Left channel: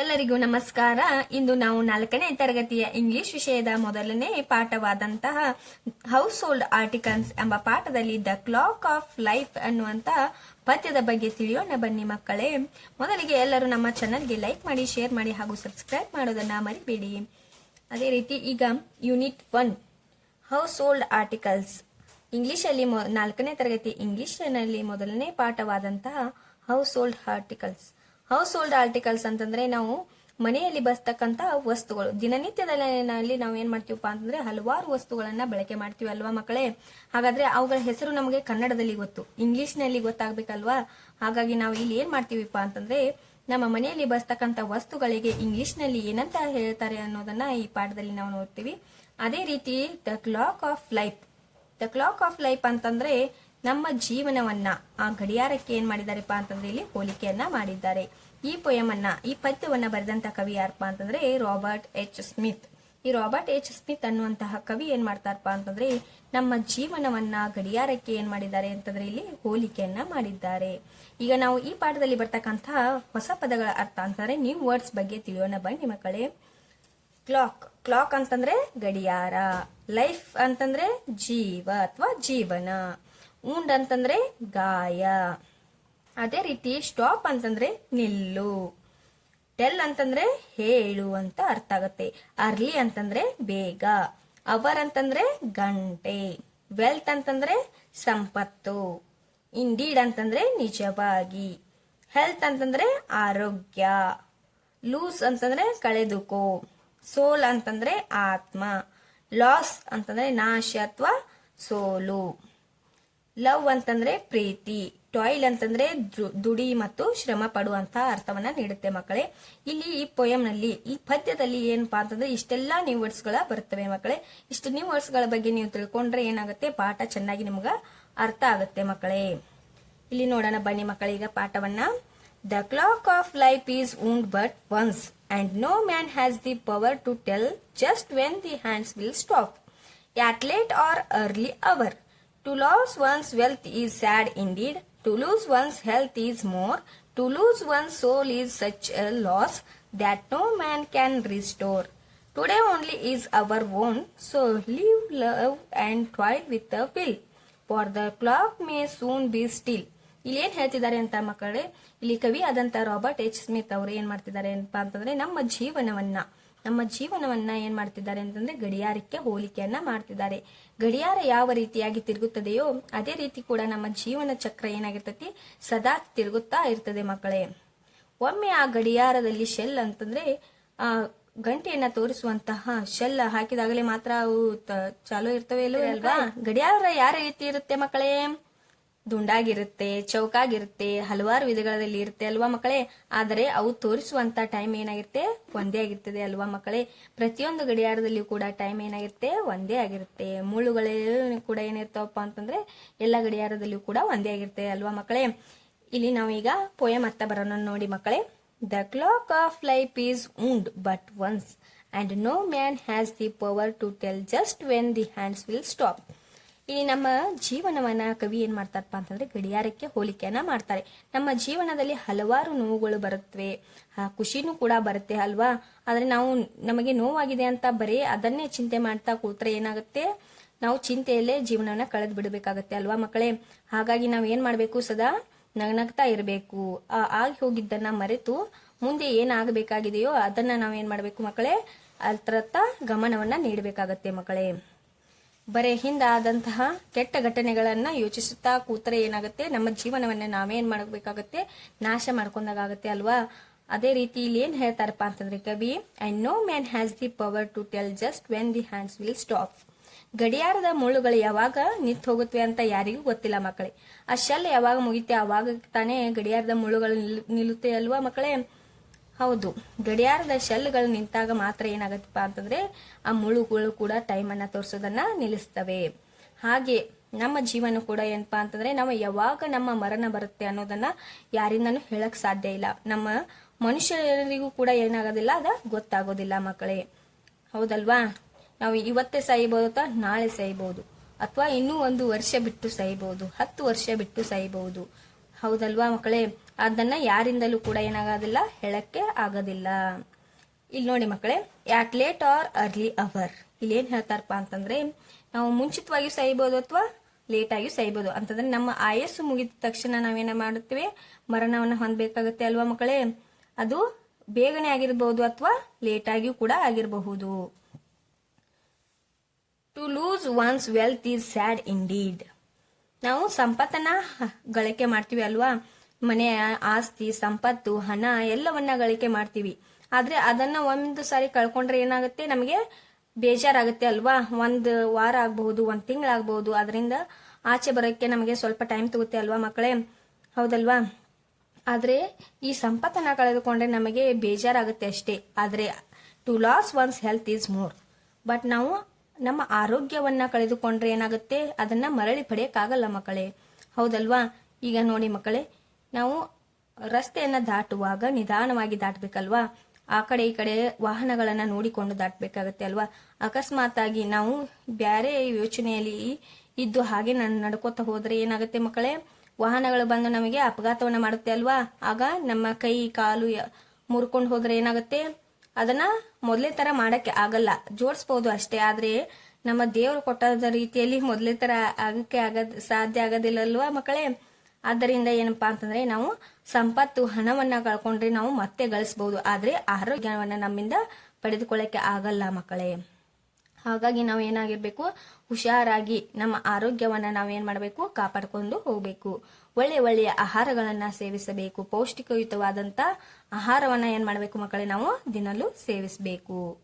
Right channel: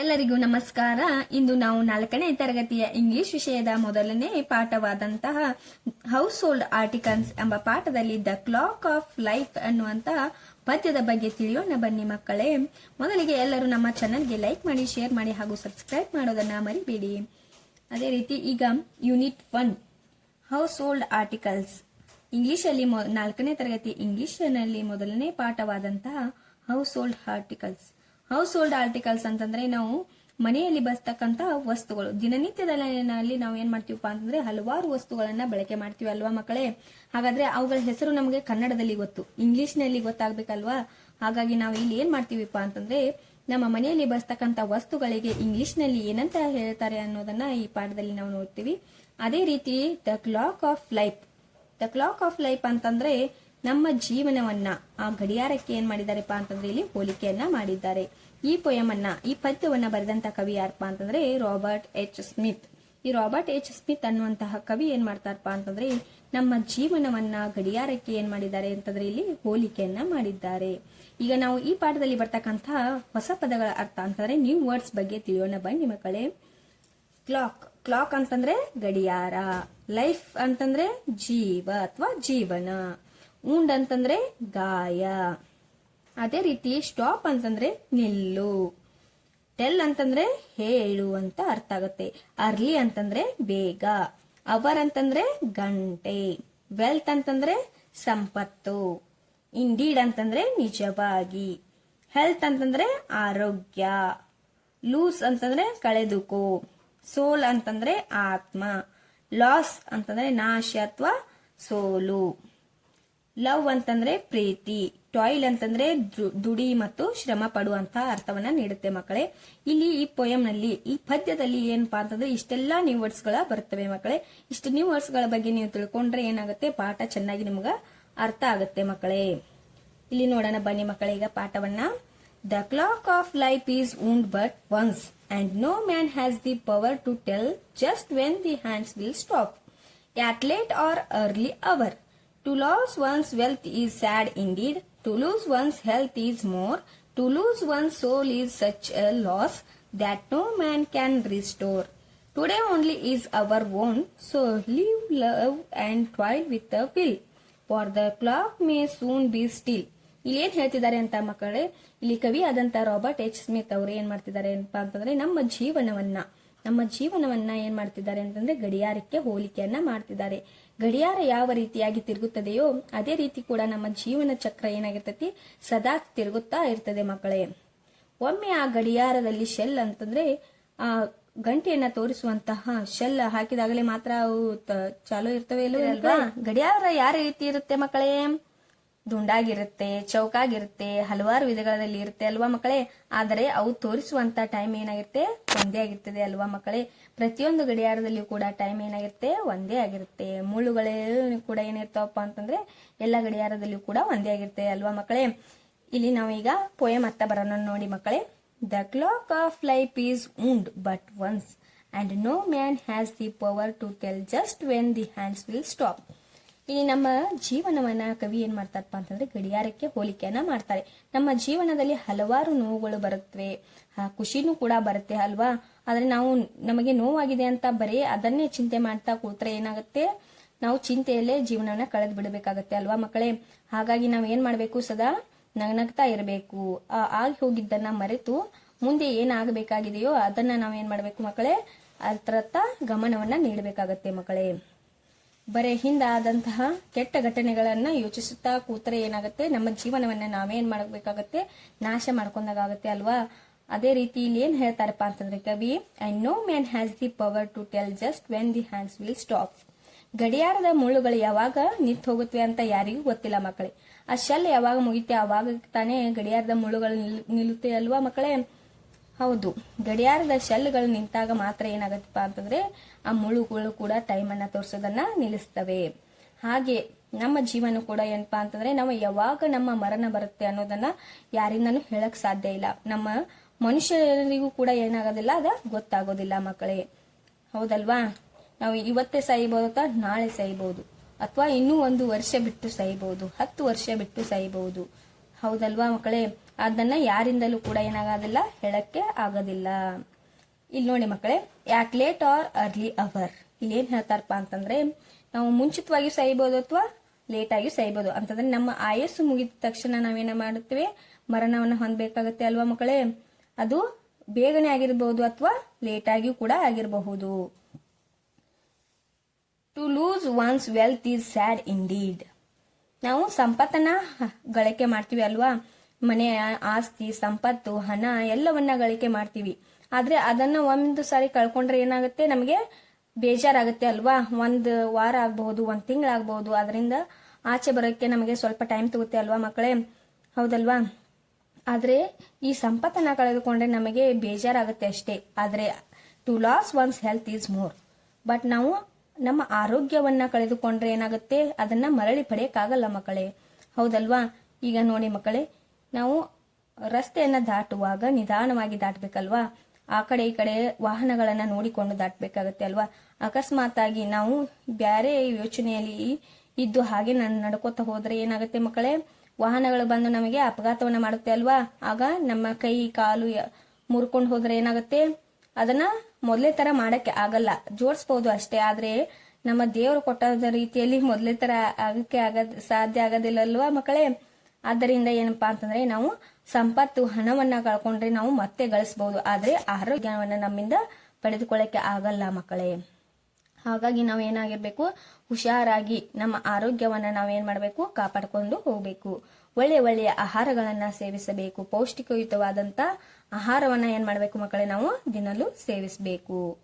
ಎಲ್ಲರಿಗೂ ನಮಸ್ಕಾರ. ಇಂದು ನಾವು ನಾಲ್ಕನೇ ತರಗತಿಯ ಇಂಗ್ಲಿಷ್ ವಿಷಯದ ಮೊದಲನೇ ಪಾಠವಾದಂತಹ ಹೌಸ್ ಹೋಲ್ಡ್ ಆರ್ಟಿಕಲ್ಸ್ ಎಂಬ ಪಾಠದಲ್ಲಿ ದ ಕ್ಲಾಕ್ ಆಫ್ ಲೈಫ್ ಅನ್ನುವಂತಹ ಪದ್ಯದ ಬಗ್ಗೆ ತಿಳಿಯೋಣ. ಬನ್ನಿ ಮಕ್ಕಳೇ. ಮೊದಲಿಗೆ ಎಲ್ಲರೂ ನಮ್ಮ ಚಾನಲ್ಗೆ ಲೈಕ್ ಮಾಡಿ ಶೇರ್ ಮಾಡಿ ಹಾಗೂ ಸಬ್ಸ್ಕ್ರೈಬ್ ಮಾಡೋದನ್ನ ಮರಿಬೇಡಿ. ಅದೇ ರೀತಿ ಈಗ unit one household articles English ಅಲ್ಲಿ ನಾಲ್ಕನೇ ತರಗತಿ ಇಂಗ್ಲಿಷ್ನಲ್ಲಿ ಮೊದಲನೇ ಪಾಠವಾದಂತಹ household articles household articles ಅಂತಂದ್ರೆ ನಾವು ಮನೆಯಲ್ಲಿ ಬಸ್ತಕ್ಕಂತ ವಸ್ತುಗಳು. ದಿನನಿತ್ಯದಲ್ಲಿ ನಾವು ಏನ್ ಮಾಡ್ತೀವಪ್ಪ ಅಂತಂದ್ರೆ ಹಲವಾರು ವಸ್ತುಗಳನ್ನ ಬಳಕೆ ಮಾಡ್ತೀವಿ ಅಲ್ವಾ ಮಕ್ಕಳೇ? ಹಾಗಾದ್ರೆ ಅವುಗಳ ಹೆಸರು ನಮಗೆ ಕನ್ನಡದಲ್ಲಿ ಗೊತ್ತು. ಇಂಗ್ಲಿಷ್ನಲ್ಲಿ ಗೊತ್ತಾಗ್ಬೇಕಲ್ವಾ? ಹಾಗಾಗಿ ನಾವು ಇಲ್ಲಿ ಏನ್ ಮಾಡ್ತೀವಿಪ್ಪ ಅಂತಂದ್ರೆ ನಮ್ಮ ಮನೆಯಲ್ಲಿ ಬಸ್ತಕ್ಕಂತ ವಸ್ತುಗಳಿಗೆ ಇಂಗ್ಲಿಷ್ನಲ್ಲಿ ಏನಂತ ಹೇಳ್ತಾರೆ ಅನ್ನೋದನ್ನ ಈ ಪಾಠದಲ್ಲಿ ನಾವು ನೋಡ್ತೀವಿ. ಅದೇ ರೀತಿ the clock of life the clock of life ಅಂತಂದ್ರೆ ನಮ್ಮ ಜೀವನವನ್ನ, ಆ ಗಡಿಯಾರಕ್ಕೆ ಏನ್ ಮಾಡಿದಾರೆಪ್ಪ ಅಂತಂದ್ರೆ ಇಲ್ಲಿ ಹೋಲಿಕೆಯನ್ನ ಮಾಡಿದ್ದಾರೆ. ಈ ಪೊಯಮ್ ಅನ್ನ ಈ ಪದ್ಯವನ್ನ ಬರೆದಂತ ಕವಿ ಯಾರಪ್ಪ ಅಂತಂದ್ರೆ ರಾಬರ್ಟ್ ಎಚ್. ಸ್ಮಿತ್. ಈ ರಾಬರ್ಟ್ ಎಚ್. ಸ್ಮಿತ್ ಅನ್ನುವಂತಹ ಕವಿ ಏನ್ ಮಾಡ್ತಾರಪ್ಪ ಅಂತಂದ್ರೆ ನಮ್ಮ ಜೀವನವನ್ನ, ಗಡಿಯಾರಕ್ಕೆ ಏನ್ ಮಾಡಿದ್ದಾರೆ ಅಂತಂದ್ರೆ ಇಲ್ಲಿ ಹೋಲಿಕೆಯನ್ನ ಮಾಡಿದ್ದಾರೆ. ಈಗ ನಾವು ಈ ಪಾಠದಲ್ಲಿ ಬರ್ತಕ್ಕಂತಹ ಹೊಸ ಪದಗಳ ಅರ್ಥ ಅಂತಂದ್ರೆ ನ್ಯೂ ವರ್ಡ್ಸ್ ಬಗ್ಗೆ ತಿಳಿಯೋಣ ಬನ್ನಿ ಮಕ್ಕಳೇ. ಕ್ಲಾಕ್. ಕ್ಲಾಕ್ ಅಂತಂದ್ರೆ ಗಡಿಯಾರ. ಲೈಫ್ ಅಂತಂದ್ರೆ ಜೀವ ಅಥವಾ ಜೀವನ. ಉಂಡ್ ಅಂತಂದ್ರೆ ಗಾಯ. ಅದೇ ರೀತಿ ಸ್ಟಾಪ್ ಅಂತಂದ್ರೆ ನಿಲ್ಲು. ಟೆಲ್ ಅಂತಂದ್ರೆ ಹೇಳು ಅಂತ ಅರ್ಥ ಆಗುತ್ತೆ. ಅರ್ಲಿ ಅಂತಂದ್ರೆ ಬೇಗ. ಅವರ್ ಅಂತಂದ್ರೆ ಗಂಟೆ. ವೆಲ್ತ್ ಅಂತಂದ್ರೆ ಸಂಪತ್ತು. ಇಂಡೀಡ್ ಅಂತಂದ್ರೆ ನಿಜವಾಗಿ. ಹೆಲ್ತ್ ಅಂತಂದ್ರೆ ಆರೋಗ್ಯ. ಲೂಸ್ ಅಂತಂದ್ರೆ ಕಳೆದುಕೋ. ಸೋಲ್ ಅಂತಂದ್ರೆ ಆತ್ಮ. ಲಾಸ್ ಅಂತಂದ್ರೆ ನಾಶ ಅಥವಾ ಸೋಲು. ಲವ್ ಅಂತಂದ್ರೆ ಪ್ರೀತಿ, ಟಾಯ್ಲ್ ಅಂತಂದ್ರೆ ದುಡಿ ಮತ್ತು ಶ್ರಮ ಪಡುವಂತಹ ಅರ್ಥವನ್ನ ನೀಡುತ್ತೆ ಮಕ್ಕಳೇ. ಇಲ್ಲಿ ಈ ಪೊಯಂನಲ್ಲಿ ನಲ್ಲಿ ಈ ಪದ್ಯದಲ್ಲಿ ಏನಪ್ಪಾ ಅಂತಂದ್ರೆ ಇಷ್ಟೆಲ್ಲಾ ನ್ಯೂ ವರ್ಡ್ಸ್ಗಳ ಬರ್ತವೆ ಮಕ್ಕಳೇ. ಇಷ್ಟು ನ್ಯೂ ವರ್ಡ್ಸ್ಗಳ ಬಗ್ಗೆ ನೀವು ತಿಳ್ಕೊಂಡ್ರೆ ಏನಾಗುತ್ತೆ? ಪಾಠ ಚೆನ್ನಾಗಿ ನಿಮ್ಗ ಅರ್ಥ ಆಗುತ್ತೆ ಮಕ್ಕಳೇ. ಇಲ್ಲಿ ನೋಡೋಣ ಬನ್ನಿ ಮಕ್ಕಳೀಗ ಪಾಠವನ್ನ. The clock of life is wound but once and no man has the power to tell just when the hands will stop at late or early hour. To lose one's wealth is sad indeed. To lose one's health is more. To lose one's soul is such a loss that no man can restore. Today only is our own, so live, love, and toil with a will. For the clock may soon be still. ಇಲ್ಲಿ ಏನ್ ಹೇಳ್ತಿದ್ದಾರೆ ಅಂತ ಮಕ್ಕಳೇ ಇಲ್ಲಿ ಕವಿ ಆದಂತ Robert H Smith ಅವರು ಏನ್ ಮಾಡ್ತಿದ್ದಾರೆ ಏನಪ್ಪಾ ಅಂತಂದ್ರೆ ನಮ್ಮ ಜೀವನವನ್ನ ನಮ್ಮ ಜೀವನವನ್ನ ಏನ್ ಮಾಡ್ತಿದ್ದಾರೆ ಅಂತಂದ್ರೆ ಗಡಿಯಾರಕ್ಕೆ ಹೋಲಿಕೆಯನ್ನ ಮಾಡ್ತಿದ್ದಾರೆ. ಗಡಿಯಾರ ಯಾವ ರೀತಿಯಾಗಿ ತಿರುಗುತ್ತದೆಯೋ ಅದೇ ರೀತಿ ಕೂಡ ನಮ್ಮ ಜೀವನ ಚಕ್ರ ಏನಾಗಿರ್ತತಿ? ಸದಾ ತಿರುಗುತ್ತಾ ಇರ್ತದೆ ಮಕ್ಕಳೇ. ಒಮ್ಮೆ ಆ ಗಡಿಯಾರದಲ್ಲಿ ಶೆಲ್ ಅಂತಂದ್ರೆ ಆ ಗಂಟೆಯನ್ನ ತೋರಿಸುವಂತಹ ಶೆಲ್ ಹಾಕಿದಾಗಲೇ ಮಾತ್ರ ಅವು ಚಾಲು ಇರ್ತವೆ ಅಲ್ವಾ? ಗಡಿಯಾರ ಯಾವ ರೀತಿ ಇರುತ್ತೆ ಮಕ್ಕಳೇ? ದುಂಡಾಗಿರುತ್ತೆ, ಚೌಕಾಗಿರುತ್ತೆ, ಹಲವಾರು ವಿಧಗಳಲ್ಲಿ ಇರುತ್ತೆ ಅಲ್ವಾ ಮಕ್ಕಳೇ? ಆದರೆ ಅವು ತೋರಿಸುವಂತ ಟೈಮ್ ಏನಾಗಿರುತ್ತೆ? ಒಂದೇ ಆಗಿರ್ತದೆ ಅಲ್ವಾ ಮಕ್ಕಳೇ? ಪ್ರತಿಯೊಂದು ಗಡಿಯಾರದಲ್ಲಿಯೂ ಕೂಡ ಟೈಮ್ ಏನಾಗಿರುತ್ತೆ? ಒಂದೇ ಆಗಿರುತ್ತೆ. ಮುಳ್ಳುಗಳೇ ಕೂಡ ಏನಿರ್ತಾವಪ್ಪ ಅಂತಂದ್ರೆ ಎಲ್ಲ ಗಡಿಯಾರದಲ್ಲಿಯೂ ಕೂಡ ಒಂದೇ ಆಗಿರುತ್ತೆ ಅಲ್ವಾ ಮಕ್ಕಳೇ? ಇಲ್ಲಿ ನಾವೀಗ ಪೋಯಮ್ ಅತ್ತ ಬರೋಣ ನೋಡಿ ಮಕ್ಕಳೇ. The clock of life is wound but once and no man has the power to tell just when the hands will stop ಇಲ್ಲಿ ನಮ್ಮ ಜೀವನವನ್ನ ಕವಿ ಏನ್ ಮಾಡ್ತಾರಪ್ಪ ಅಂತಂದ್ರೆ ಗಡಿಯಾರಕ್ಕೆ ಹೋಲಿಕೆಯನ್ನ ಮಾಡ್ತಾರೆ. ನಮ್ಮ ಜೀವನದಲ್ಲಿ ಹಲವಾರು ನೋವುಗಳು ಬರುತ್ತವೆ ಖುಷಿನೂ ಕೂಡ ಬರುತ್ತೆ ಅಲ್ವಾ? ಆದ್ರೆ ನಾವು ನಮಗೆ ನೋವಾಗಿದೆ ಅಂತ ಬರೀ ಅದನ್ನೇ ಚಿಂತೆ ಮಾಡ್ತಾ ಕೂತ್ರೆ ಏನಾಗುತ್ತೆ? ನಾವು ಚಿಂತೆಯಲ್ಲೇ ಜೀವನನ ಕಳೆದು ಬಿಡಬೇಕಾಗತ್ತೆ ಅಲ್ವಾ ಮಕ್ಕಳೇ? ಹಾಗಾಗಿ ನಾವ್ ಏನ್ ಮಾಡ್ಬೇಕು ಸದಾ ನಗನಗ್ತಾ ಇರಬೇಕು. ಆಗಿ ಹೋಗಿದ್ದನ್ನ ಮರೆತು ಮುಂದೆ ಏನಾಗಬೇಕಾಗಿದೆಯೋ ಅದನ್ನ ನಾವೇನ್ ಮಾಡ್ಬೇಕು ಮಕ್ಕಳೇ? ಅದ್ರತ್ತ ಗಮನವನ್ನ ನೀಡಬೇಕಾಗತ್ತೆ ಮಕ್ಕಳೇ. ಬರೇ ಹಿಂದಾದಂತಹ ಕೆಟ್ಟ ಘಟನೆಗಳನ್ನ ಯೋಚಿಸುತ್ತಾ ಕೂತ್ರೆ ಏನಾಗುತ್ತೆ? ನಮ್ಮ ಜೀವನವನ್ನ ನಾವೇನ್ ಮಾಡಬೇಕಾಗತ್ತೆ? ನಾಶ ಮಾಡ್ಕೊಂಡಾಗತ್ತೆ ಅಲ್ವಾ? ಅದೇ ರೀತಿ ಇಲ್ಲಿ ಏನ್ ಹೇಳ್ತಾರಪ್ಪ ಅಂತಂದ್ರೆ, ಕವಿ I no man has the power to tell just when the hands will stop ಗಡಿಯಾರದ ಮುಳ್ಳುಗಳು ಯಾವಾಗ ನಿಂತು ಹೋಗುತ್ತವೆ ಅಂತ ಯಾರಿಗೂ ಗೊತ್ತಿಲ್ಲ ಮಕ್ಕಳೇ. ಆ ಶೆಲ್ ಯಾವಾಗ ಮುಗಿತೆ ಅವಾಗ ತಾನೇ ಗಡಿಯಾರದ ಮುಳ್ಳುಗಳು ನಿಲ್- ನಿಲ್ಲುತ್ತೆ ಅಲ್ವಾ ಮಕ್ಕಳೇ? ಹೌದು. ಗಡಿಯಾರದ ಶೆಲ್ಗಳು ನಿಂತಾಗ ಮಾತ್ರ ಏನಾಗತ್ತಪ್ಪ ಅಂತಂದ್ರೆ ಆ ಮುಳುಗಳು ಕೂಡ ಟೈಮ್ ಅನ್ನ ತೋರಿಸೋದನ್ನ ನಿಲ್ಲಿಸ್ತವೆ. ಹಾಗೆ ನಮ್ಮ ಜೀವನ ಕೂಡ ಏನಪ್ಪಾ ಅಂತಂದ್ರೆ ನಾವು ಯಾವಾಗ ನಮ್ಮ ಮರಣ ಬರುತ್ತೆ ಅನ್ನೋದನ್ನ ಯಾರಿಂದನೂ ಹೇಳಕ್ ಸಾಧ್ಯ ಇಲ್ಲ. ನಮ್ಮ ಮನುಷ್ಯರಿಗೂ ಕೂಡ ಏನಾಗೋದಿಲ್ಲ, ಅದ ಗೊತ್ತಾಗೋದಿಲ್ಲ ಮಕ್ಕಳೇ. ಹೌದಲ್ವಾ? ನಾವು ಇವತ್ತೇ ಸಾಯ್ಬೋದು ಅಥವಾ ನಾಳೆ ಸಾಯ್ಬೋದು, ಅಥವಾ ಇನ್ನೂ ಒಂದು ವರ್ಷ ಬಿಟ್ಟು ಸಾಯ್ಬಹುದು ಹತ್ತು ವರ್ಷ ಬಿಟ್ಟು ಸಾಯ್ಬಹುದು ಹೌದಲ್ವಾ ಮಕ್ಕಳೇ? ಅದನ್ನ ಯಾರಿಂದಲೂ ಕೂಡ ಏನಾಗೋದಿಲ್ಲ, ಹೇಳಕ್ಕೆ ಆಗೋದಿಲ್ಲ. ಇಲ್ಲಿ ನೋಡಿ ಮಕ್ಕಳೇ at late or early hour? ಇಲ್ಲಿ ಏನ್ ಹೇಳ್ತಾರಪ್ಪ ಅಂತಂದ್ರೆ, ನಾವು ಮುಂಚಿತವಾಗಿ ಸಹಿಬಹುದು ಅಥವಾ ಲೇಟ್ ಆಗಿ ಸಹಿಬಹುದು ಅಂತಂದ್ರೆ ನಮ್ಮ ಆಯಸ್ಸು ಮುಗಿದ ತಕ್ಷಣ ನಾವೇನ ಮಾಡುತ್ತೇವೆ? ಮರಣವನ್ನು ಹೊಂದಬೇಕಾಗುತ್ತೆ ಅಲ್ವಾ ಮಕ್ಕಳೇ? ಅದು ಬೇಗನೆ ಆಗಿರಬಹುದು ಅಥವಾ ಲೇಟ್ ಆಗಿಯೂ ಕೂಡ ಆಗಿರಬಹುದು. To lose one's wealth is sad indeed ನಾವು ಸಂಪತ್ತನ್ನ ಗಳಿಕೆ ಮಾಡ್ತೀವಿ ಅಲ್ವಾ? ಮನೆಯ ಆಸ್ತಿ, ಸಂಪತ್ತು, ಹಣ ಎಲ್ಲವನ್ನ ಗಳಿಕೆ ಮಾಡ್ತೀವಿ. ಆದ್ರೆ ಅದನ್ನ ಒಂದು ಸಾರಿ ಕಳ್ಕೊಂಡ್ರೆ ಏನಾಗುತ್ತೆ? ನಮಗೆ ಬೇಜಾರಾಗುತ್ತೆ ಅಲ್ವಾ? ಒಂದು ವಾರ ಆಗಬಹುದು, ಒಂದ್ ತಿಂಗಳಾಗಬಹುದು ಅದರಿಂದ ಆಚೆ ಬರೋಕ್ಕೆ ನಮಗೆ ಸ್ವಲ್ಪ ಟೈಮ್ ತಗುತ್ತೆ ಅಲ್ವಾ ಮಕ್ಕಳೇ? ಹೌದಲ್ವಾ? ಆದ್ರೆ ಈ ಸಂಪತ್ತನ್ನ ಕಳೆದುಕೊಂಡ್ರೆ ನಮಗೆ ಬೇಜಾರಾಗುತ್ತೆ ಅಷ್ಟೇ. ಆದ್ರೆ to loss one's health is more but ನಾವು ನಮ್ಮ ಆರೋಗ್ಯವನ್ನ ಕಳೆದುಕೊಂಡ್ರೆ ಏನಾಗುತ್ತೆ? ಅದನ್ನ ಮರಳಿ ಪಡೆಯಕ್ಕಾಗಲ್ಲ ಮಕ್ಕಳೇ. ಹೌದಲ್ವಾ? ಈಗ ನೋಡಿ ಮಕ್ಕಳೇ ನಾವು ರಸ್ತೆಯನ್ನು ದಾಟುವಾಗ, ನಿಧಾನವಾಗಿ ದಾಟಬೇಕಲ್ವಾ? ಆ ಕಡೆ ಈ ಕಡೆ ವಾಹನಗಳನ್ನ ನೋಡಿಕೊಂಡು ದಾಟಬೇಕಾಗತ್ತೆ ಅಲ್ವಾ? ಅಕಸ್ಮಾತ್ ಆಗಿ ನಾವು ಬ್ಯಾರೆ ಯೋಚನೆಯಲ್ಲಿ ಇದ್ದು ಹಾಗೆ ನಾನು ನಡ್ಕೋತ ಹೋದ್ರೆ ಏನಾಗುತ್ತೆ ಮಕ್ಕಳೇ? ವಾಹನಗಳು ಬಂದು ನಮಗೆ ಅಪಘಾತವನ್ನ ಮಾಡುತ್ತೆ ಅಲ್ವಾ? ಆಗ ನಮ್ಮ ಕೈ, ಕಾಲು ಮುರ್ಕೊಂಡು ಹೋದ್ರೆ ಏನಾಗುತ್ತೆ? ಅದನ್ನ ಮೊದಲೇ ತರ ಮಾಡಕ್ಕೆ ಆಗಲ್ಲ. ಜೋಡಿಸ್ಬೋದು ಅಷ್ಟೇ. ಆದ್ರೆ ನಮ್ಮ ದೇವರು ಕೊಟ್ಟಾದ ರೀತಿಯಲ್ಲಿ ಮೊದಲೇ ತರ ಆಗಕ್ಕೆ ಆಗ ಸಾಧ್ಯ ಆಗೋದಿಲ್ಲ ಅಲ್ವಾ ಮಕ್ಕಳೇ? ಆದ್ದರಿಂದ ಏನಪ್ಪಾ ಅಂತಂದ್ರೆ ನಾವು ಸಂಪತ್ತು ಹಣವನ್ನ ಕಳ್ಕೊಂಡ್ರೆ ನಾವು ಮತ್ತೆ ಗಳಿಸಬಹುದು ಆದ್ರೆ ಆರೋಗ್ಯವನ್ನ ನಮ್ಮಿಂದ ಪಡೆದುಕೊಳ್ಳಕ್ಕೆ ಆಗಲ್ಲ ಮಕ್ಕಳೇ. ಹಾಗಾಗಿ ನಾವು ಏನಾಗಿರ್ಬೇಕು ಹುಷಾರಾಗಿ ನಮ್ಮ ಆರೋಗ್ಯವನ್ನ ನಾವೇನ್ ಮಾಡಬೇಕು? ಕಾಪಾಡಿಕೊಂಡು ಹೋಗ್ಬೇಕು. ಒಳ್ಳೆ ಒಳ್ಳೆಯ ಆಹಾರಗಳನ್ನ ಸೇವಿಸಬೇಕು. ಪೌಷ್ಟಿಕಯುತವಾದಂತ ಆಹಾರವನ್ನ ಏನ್ ಮಾಡಬೇಕು ಮಕ್ಕಳೇ? ನಾವು ದಿನಲು ಸೇವಿಸಬೇಕು.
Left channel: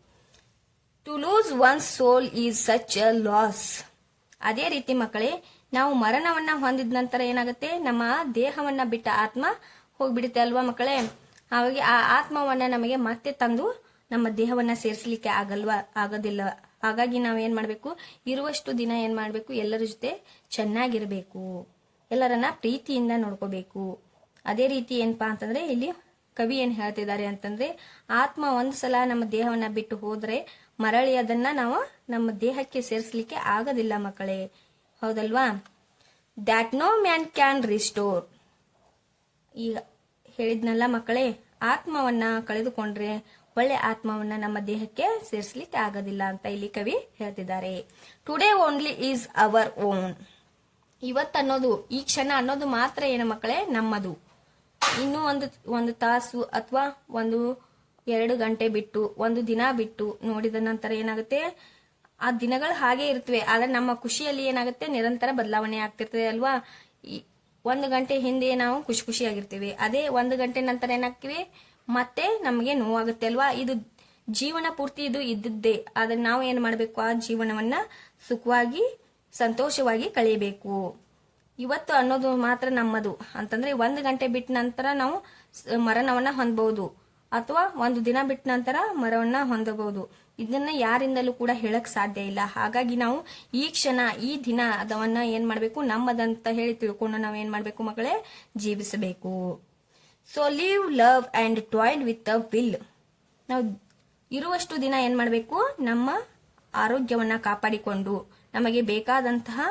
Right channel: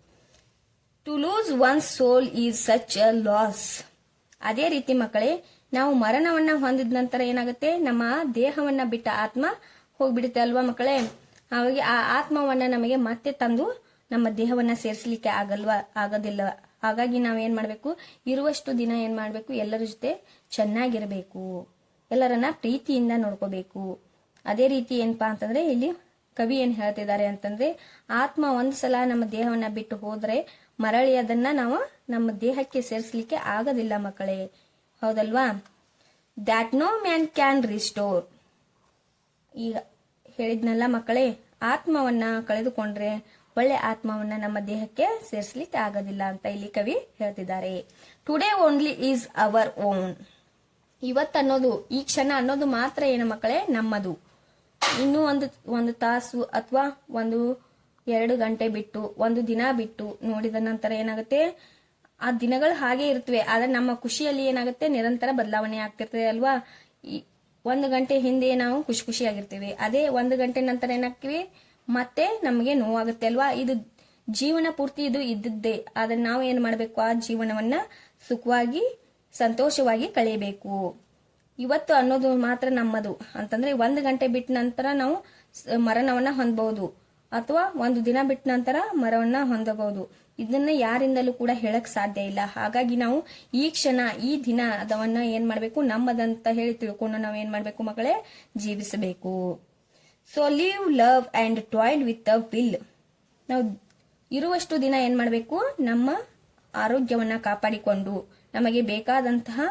To lose one soul is such a loss ಅದೇ ರೀತಿ ಮಕ್ಕಳೇ ನಾವು ಮರಣವನ್ನ ಹೊಂದಿದ ನಂತರ ಏನಾಗುತ್ತೆ? ನಮ್ಮ ದೇಹವನ್ನ ಬಿಟ್ಟ ಆತ್ಮ ಹೋಗ್ಬಿಡುತ್ತೆ ಅಲ್ವಾ ಮಕ್ಕಳೇ? ಹಾಗಾಗಿ ಆ ಆತ್ಮವನ್ನ ನಮಗೆ ಮತ್ತೆ ತಂದು ನಮ್ಮ ದೇಹವನ್ನ ಸೇರಿಸಲಿಕ್ಕೆ ಆಗಲ್ವಾ? ಆಗೋದಿಲ್ಲ ಹಾಗಾಗಿ ನಾವೇನ್ ಮಾಡ್ಬೇಕು? ಇರುವಷ್ಟು ದಿನ ಏನ್ ಮಾಡ್ಬೇಕು? ಎಲ್ಲರ ಜೊತೆ ಚೆನ್ನಾಗಿರ್ಬೇಕು. ಎಲ್ಲರನ್ನ ಪ್ರೀತಿಯಿಂದ ನೋಡ್ಕೋಬೇಕು. ಅದೇ ರೀತಿ ಏನಪ್ಪಾ ಅಂತಂದ್ರೆ ಇಲ್ಲಿ ಕವಿ ಏನ್ ಹೇಳ್ತಿದ್ದಾರೆ ಅಂತಂದ್ರೆ, ಆತ್ಮ ಒಂದ್ ಸಲ ನಮ್ಮ ದೇಹವನ್ನ ಬಿಟ್ಟು ಹೋದ್ರೆ ಮರಳಿ ಅದನ್ನ ನಾವು ನಮ್ಮ ದೇಹಕ್ಕೆ ಸೇರಿಸಲಿಕ್ಕೆ ಆಗೋದಿಲ್ಲ ಮಕ್ಕಳೇ. ಹೌದಲ್ವಾ? That no man can restore ಈಗ ಹೇಳಿದ್ನಲ್ಲ ಮಕ್ಕಳೇ, ಆತ್ಮವನ್ನ ಕಳೆದುಕೊಂಡ್ರೆ ಒಳ್ಳೆ ಆತ್ಮವನ್ನ ನಮ್ಮ ದೇಹಕ್ಕೆ ಸೇರಿಸಲಿಕ್ಕೆ ಆಗೋದಿಲ್ಲ ಅಂತ ಇಲ್ಲಿ ಕವಿ ಹೇಳ್ತಿದ್ದಾರೆ. Today only is our own ಇವತ್ತನ್ನೋದು, ಈ ಕ್ಷಣ ಅನ್ನೋದು ಮಾತ್ರ ಏನು ಮಕ್ಕಳೇ? ನಮ್ಮದು. ಇನ್ನೂ ಒಂದು ಒಂದು ತಾಸು ಅಥವಾ ಒಂದು ಎರಡು ಗಂಟೆ ಬಿಟ್ಟು, ಒಂದು ದಿನ ಬಿಟ್ಟು ನೋಡಿದ ನಂತರ ಏನಾಗುತ್ತೆ? ಆ ದಿನಗಳು ಹಾಗೆ ಇರ್ತವೆ ಆದ್ರೆ ನಮ್ಮ ಖುಷಿಯಲ್ಲಿ ಏನಾಗುತ್ತೆ? ನಿರಂತರ ಬದಲಾವಣೆ ಆಗ್ತಿರ್ತದೆ ಅಲ್ವಾ? ಒಂದು ಗಂಟೆ ಹಿಂದೆ ನಾವು ಖುಷಿ ಖುಷಿಯಾಗಿರ್ತೀವಿ. ಅದೇ ಒಂದು ಗಂಟೆ ನಂತರ ಏನಾಗ್ತೀವಿ? ಮತ್ತೆ ನಮಗೆ ನೋವಾಗುತ್ತೆ ಅಲ್ವಾ? ಇದು ಜೀವನ ಪೂರ್ತಿ ಇದು ಇದ್ದದ್ದೇ. ಆದ್ರೆ ನಾವು ಏನ್ ಮಾಡ್ಬೇಕು? ಆ ಜೀವನವನ್ನ ಸುಖವಾಗಿ, ಸಂತೋಷವಾಗಿ ಕಳೆಯಬೇಕು. ಇವತ್ತು ಅನ್ನೋದು ಮಾತ್ರ ನಮ್ಮದು. ಅಂತಂದ್ರೆ ಒಂದು ಗಂಟೆ ಬಿಟ್ಟ ನಂತರ ನಾವು ಮರಣವನ್ನ ಹೊಂದಬಹುದು ಅಥವಾ ಒಂದು ದಿನ ಬಿಟ್ಟ ನಂತರ ಮರವನ್ನ ಹೊಂದಬಹುದು. ಇದನ್ನ ಯಾರಿಂದಲೂ ಕೂಡ ಹೇಳಕ್ ಸಾಧ್ಯ ಇಲ್ಲ. ಹಾಗಾಗಿ ನಾವು ಈ ಕ್ಷಣ, ಈ ದಿನ ಅದವನ್ನ ಏನ್ ಮಾಡ್ಬೇಕು? ನಮ್ಮದಂತ ಹೇಳಿ ತಿಳ್ಕೊಂಡು ನಾವ್ ಏನ್ ಮಾಡ್ಬೇಕು ಮಕ್ಕಳೇ? ಜೀವಿಸಬೇಕು. So live love and toil with a will ನಾವು ಇರುವಷ್ಟು ದಿನ ಏನ್ ಮಾಡಬೇಕು? ನಮ್ಮ ಆರೋಗ್ಯವನ್ನ ಕಾಪಾಡಿಕೊಂಡು, ನಮಗೆ ಬೇಕಾದಂತಹ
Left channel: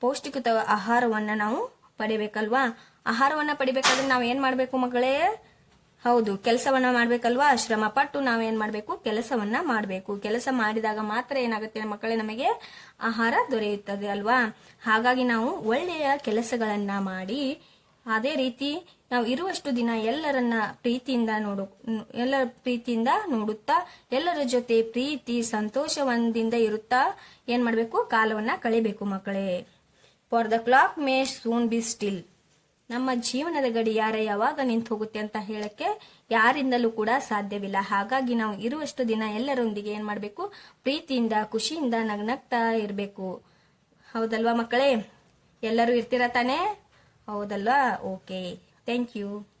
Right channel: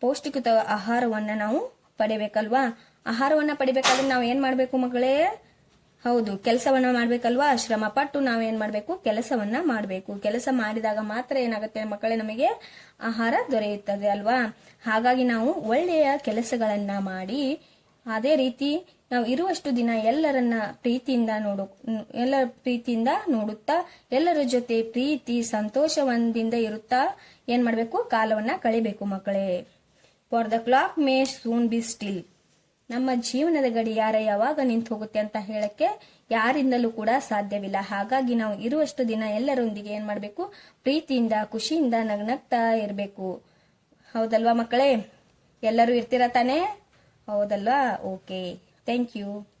ಪೌಷ್ಟಿಕತ ಆಹಾರವನ್ನ ನಾವು ಪಡೆಯಬೇಕಲ್ವಾ ಆಹಾರವನ್ನ ಪಡಿಬೇಕಾದ್ರೆ ನಾವು ಏನ್ ಮಾಡ್ಬೇಕು ಮಗಳೇ ಹೌದು, ಕೆಲಸವನ್ನ ಮಾಡ್ಬೇಕಲ್ವಾ? ಶ್ರಮ ಪಟ್ಟು ನಾವೇನ್ ಮಾಡ್ಬೇಕು? ಕೆಲಸವನ್ನ ಮಾಡ್ಬೇಕು. ಕೆಲಸ ಮಾಡಿದಾಗ ಮಾತ್ರ ಏನಾಗುತ್ತೆ? ಮಕ್ಕಳೇ ನಮಗೆ ಆಹಾರ ದೊರೆಯುತ್ತದೆ ಅಲ್ವಾ? ಹಾಗಾಗಿ ನಾವು ಒಳ್ಳೆಯ ಕೆಲಸಗಳನ್ನ ಮಾಡಿ, ಅದೇ ರೀತಿ ನಾವು ಇರುವಷ್ಟು ದಿನ ಎಲ್ಲರನ್ನ ಪ್ರೀತಿಯಿಂದ ನೋಡು, ಎಲ್ಲರ ಪ್ರೀತಿಯಿಂದ ನೋಡುತ್ತಾ, ಎಲ್ಲರ ಜೊತೆ ಪ್ರೀತಿ, ಸಂತೋಷವಂದಿಂದ ಇರುತ್ತಾ ಏನ್ ಮಾಡ್ಬೇಕು? ಕಾಲವನ್ನ ಕಳಿಬೇಕು ಮಕ್ಕಳೇ. For the clock may soon be still ನಮ್ಮ ಜೀವನದ ಗಡಿಯಾರ ಯಾವಾಗ ನಿಂತು ಹೋಗುತ್ತೆ ಅಂತ ಹೇಳಕ್ಕೆ ಯಾರಿಂದಲೂ ಕೂಡ ಸಾಧ್ಯವಿಲ್ಲ. ಹಾಗಾಗಿ ನಾವು ಇರುವಷ್ಟು ದಿನ ಎಲ್ಲರೊಂದಿಗೆ ಏನ್ ಮಾಡ್ಬೇಕು? ಪ್ರೀತಿಯಿಂದ, ಖುಷಿಯಿಂದ ನಗ್ನಗ್ತಾ ಇರಬೇಕು. ಹೌದಲ್ವಾ ಮಕ್ಕಳೇ? ಎಲ್ಲರೂ ಇರ್ತೀರಾ ತಾನೇ? ಹೌದಲ್ವಾ? ಓಕೆ. Thank you.